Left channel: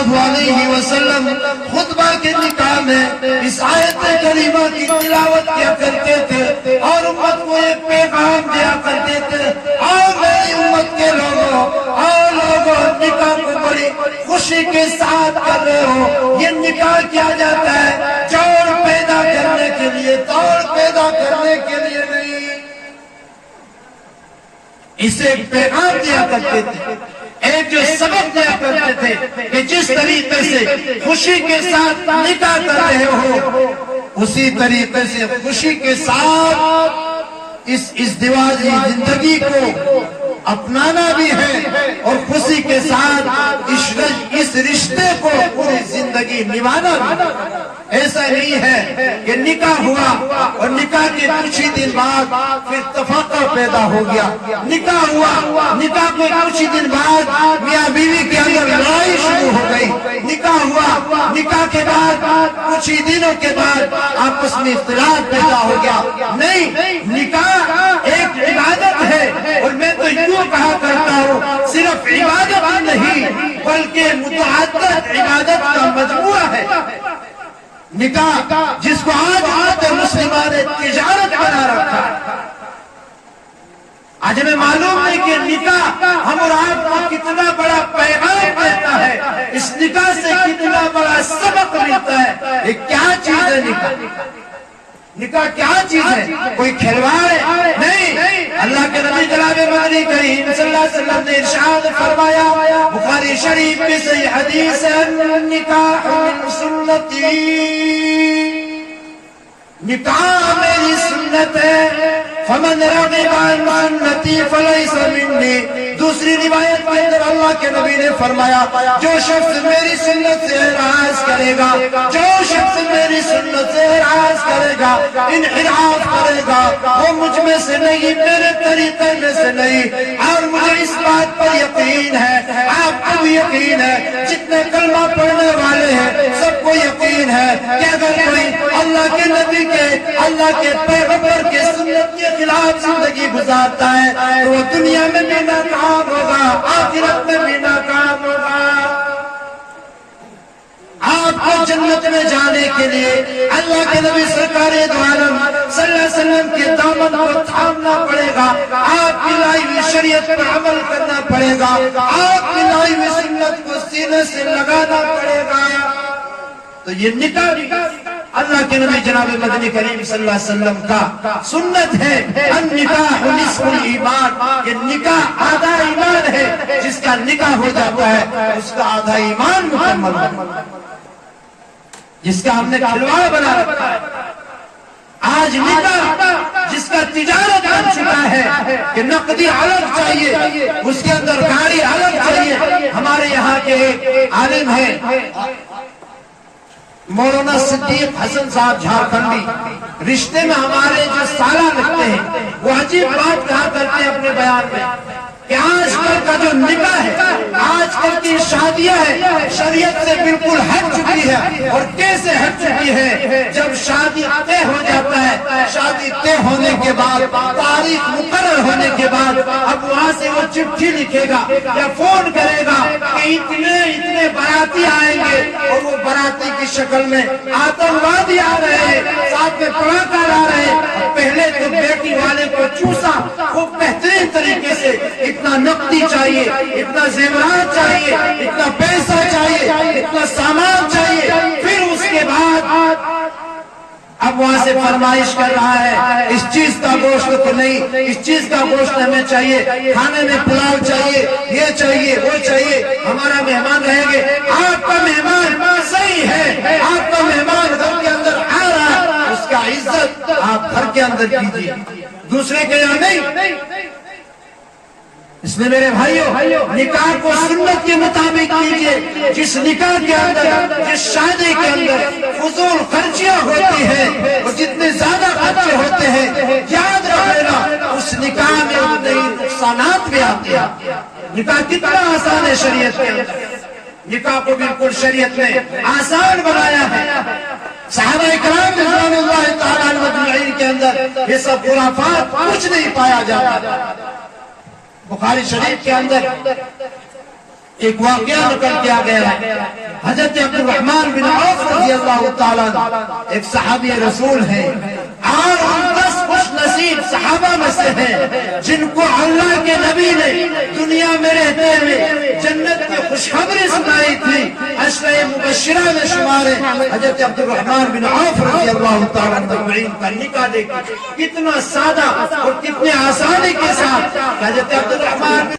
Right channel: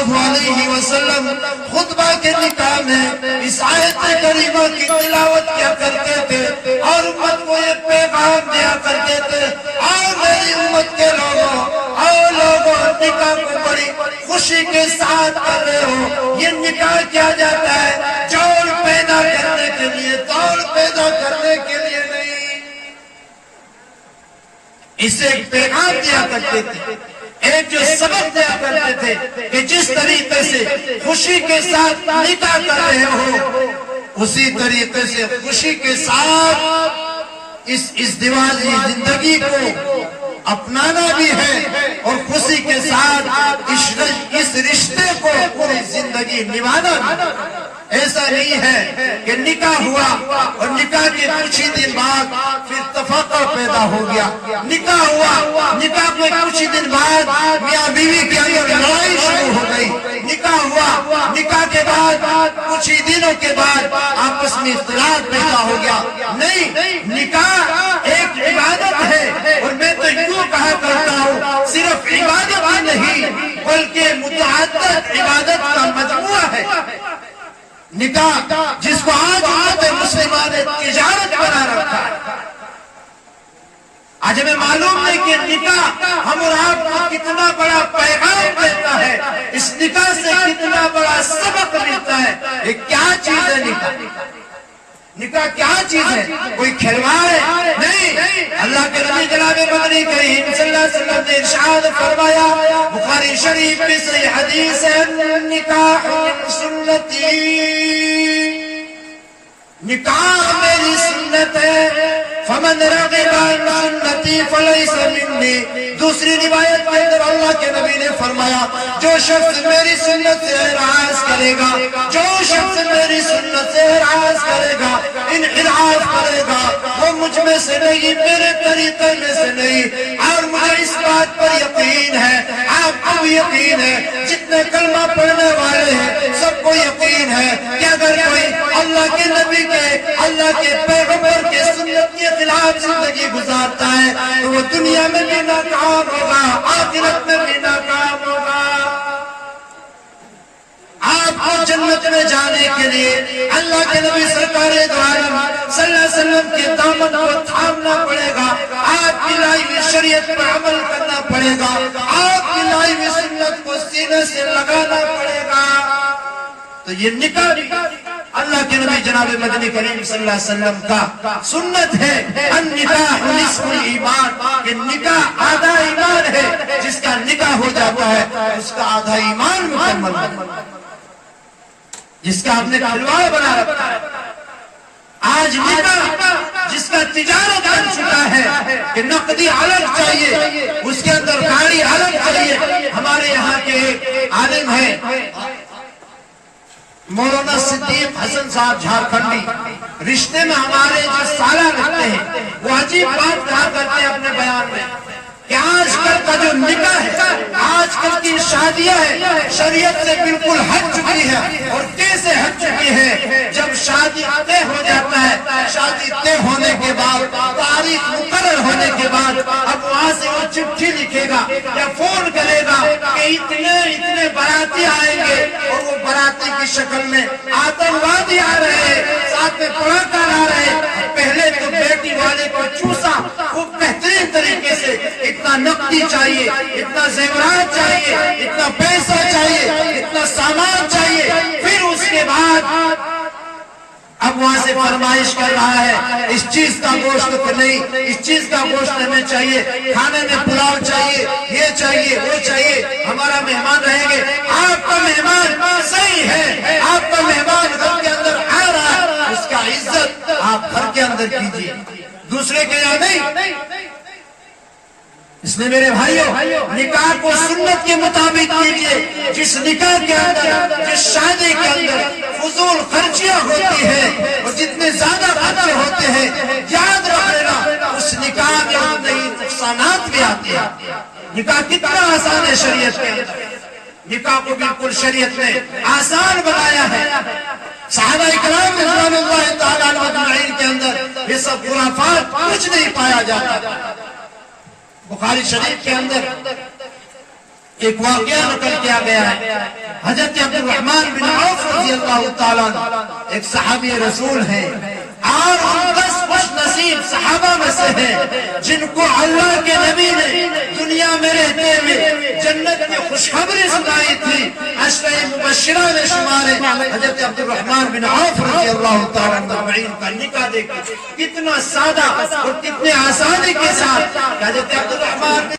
اللہ علیہ وسلم خطبہ کے نکاح میں اس آیت کریمہ کی تلاوت کیا کرتے تھے اور امت کو ایک پیغام دیا کرتے تھے، اور میری امت کے لوگوں اور لوگوں نکاح کو بڑی خوشی کے ساتھ کر رہے ہو۔ یہ نکاح کیا جاتا ہے جوڑ پیدا کرنے کے لیے، توڑ پیدا کرنے کے لیے نہیں۔ اسے ایک پیغام دیا کرتے تھے، ایک جو سبق دیا کرتے تھے کہ جس طریقے سے خوشی کے ساتھ نکاح کر رہے ہو اسی طریقے سے خوشی کے ساتھ اس ازدواجی زندگی کو اپنانا بھی ہے اور خوشی کے ساتھ اس رشتے کو پوری زندگی نبھانا بھی۔ ایسا نہیں ہے کہ نکاح ہوا اور نکاح کے کچھ ہی دن بعد پھر تفاقہ پیدا ہو گیا، نکاح ہوا، نکاح کے کچھ ہی دن بعد میاں بیوی کے اندر لڑائی شروع ہو گئی، نکاح ہوا، نکاح کے بعد کچھ ہی دنوں کے بعد آپس میں اختلاف پیدا ہو گیا۔ نہیں، نکاح ایک عبادت ہے، اور میں تو یوں کہا کرتا ہوں صرف عبادت ہی نہیں بلکہ متعدد عبادت کا مجموعہ ہے نکاح، جس کو آج مسلموں نے تجارت بنا رکھا ہے۔ آج ہمیں معلوم نہیں کہ نکاح ہم اور آپ کو کتنا بڑا پیغام دیتا ہے، اس نکاح سے کتنا بڑا سبق ملتا ہے۔ یہ کیا چیز ہے نکاح؟ نکاح کیا چیز ہے؟ کوئی کھلواڑ ہے؟ نہیں، اللہ کے نبی جناب مدنی کریم صلی اللہ علیہ وسلم نے ارشاد فرمایا، بخاری شریف میں سے حدیث ہے، نکاح من سنتی، نکاح میری سنت ہے، فمن رغب عن سنتی فلیس منی۔ دوسری روایت کے اندر اللہ کے نبی نے فرمایا، جو شخص میری سنت سے اعراض کرے گا، جو شخص میری سنت سے اعراض کرے گا، انحراف کرے گا، وہ مجھ میں سے نہیں، میرے طریقے میں سے نہیں۔ اور مجھے اس بات پر یقین ہے، آپ کو بھی یقین ہے، جتنے کلمہ پڑھنے والے ہیں سب کو یقین ہے کہ اگر کوئی اللہ کے نبی کے، اللہ کے پیغمبر کے سنت کے خلاف زندگی گزارتا ہے تو وہ دنیا میں بھی ناکام ہوگا، آخرت میں بھی ناکام ہوگا۔ آپ کو جنت میں جانے کے لیے اللہ کے نبی سرکار دو عالم صلی اللہ علیہ وسلم کے دامن کو تھامنا پڑے گا، آپ کی لائی ہوئی شریعت پر عمل کرنا پڑے گا، آپ کی لائی ہوئی سنت کو سینے سے لگانا پڑے گا۔ تو یہ نکاح اللہ کے نبی جناب مدنی کریم صلی اللہ علیہ وسلم کا سنت ہے، النکاح نصف الایمان، کہ نکاح آدھا ایمان ہے، جس کا نکاح ہو جاتا ہے اس کا آدھا ایمان مکمل ہے، جس کا ہم نے کھلواڑ بنا رکھا ہے۔ آج نکاح جس کا تجارت بن چکا ہے کہ نقدی الگ چاہیے، اس کے اندر گاڑی الگ چاہیے۔ ہمارے یہاں کے عالم ہیں مولانا صدیق حسن صاحب جھارکھنڈی، رشتے میں ہمارے جو سالہ لگتے ہیں وہ عجیب بات کہا کرتے ہیں اپنے بیان میں کہ آج کل کا جو نکاح ہے، آج کل کی شادیاں ہیں، شریعت سے بالکل ہٹ چکی ہے۔ اور کیسے ہٹ چکی ہے؟ جب شادی طے ہو جاتا ہے، شادی طے ہونے کے بعد، تاریخ مقرر ہونے کے بعد، اب وہاں سے وہ چٹھی لکھے گا یا فون کرے گا کہ اتنے باراتی آئیں گے، اور وہ باراتی کی شکل میں آتنوادی آ رہے ہیں، ساتھ میں پڑھا آ رہے ہیں۔ پہلے تو بیٹی والے کو چوسا خوب بہترین طریقے سے، اتنا نقدی چاہیے، اتنا زیورات چاہیے، اتنا پیسہ چاہیے، اتنا سامان چاہیے، پھر اس کے بعد اب وہاں سے فرمائش کر رہا ہے اس چیز کا گوشت تو نہیں، اس چیز کا گوشت ہمیں چاہیے، کھانے میں پلاؤ چاہیے، یہ چاہیے، وہ چاہیے، ہمارا مہمان رہیں گے۔ آپ کا مہمان صحیح ہے، آپ کا مہمان گھر کے اندر آ رہا ہے، اس کا عزت آپ گھر کے اندر کیجیے، دوسرے کے یہاں نہیں۔ اس لیے میرے بھائیوں، نکاح کو سنت کے مطابق کیجیے۔ جس نکاح کے اندر، جس شادی کے اندر فضول خرچیاں ہوتی ہیں اور جتنے زیادہ خرچے ہوتے ہیں، یاد رکھ لینا اس نکاح میں اتنے ہی نقصانات بھی آتے ہیں۔ نکاح کتنا آسان ہے شریعت کے اندر، نکاح کو بالکل شریعت میں آسان بنایا ہے۔ صحابہ اکرام رضوان اللہ تعالیٰ عنہم اجمعین کے اندر یہ سب خرافات کچھ نہیں پایا جاتا۔ بخاری شریف کے اندر ایک واقعہ نقل کیا گیا ہے، حضرت عبد الرحمن بن عوف رضی اللہ تعالیٰ عنہ ایک صحابی رسول ہیں، اور ان 10 خوش نصیب صحابہ میں سے ہیں جن کو اللہ کے نبی نے دنیا میں رہتے ہوئے جنت کی خوشخبری سنائی تھی، عشرہ مبشرہ میں شمار ہے۔ حضرت عبد الرحمن بن عوف رضی اللہ تعالیٰ عنہ کا نکاح دیکھا کتنا سادہ اور کتنے آسانی کے ساتھ حضرت عبد الرحمن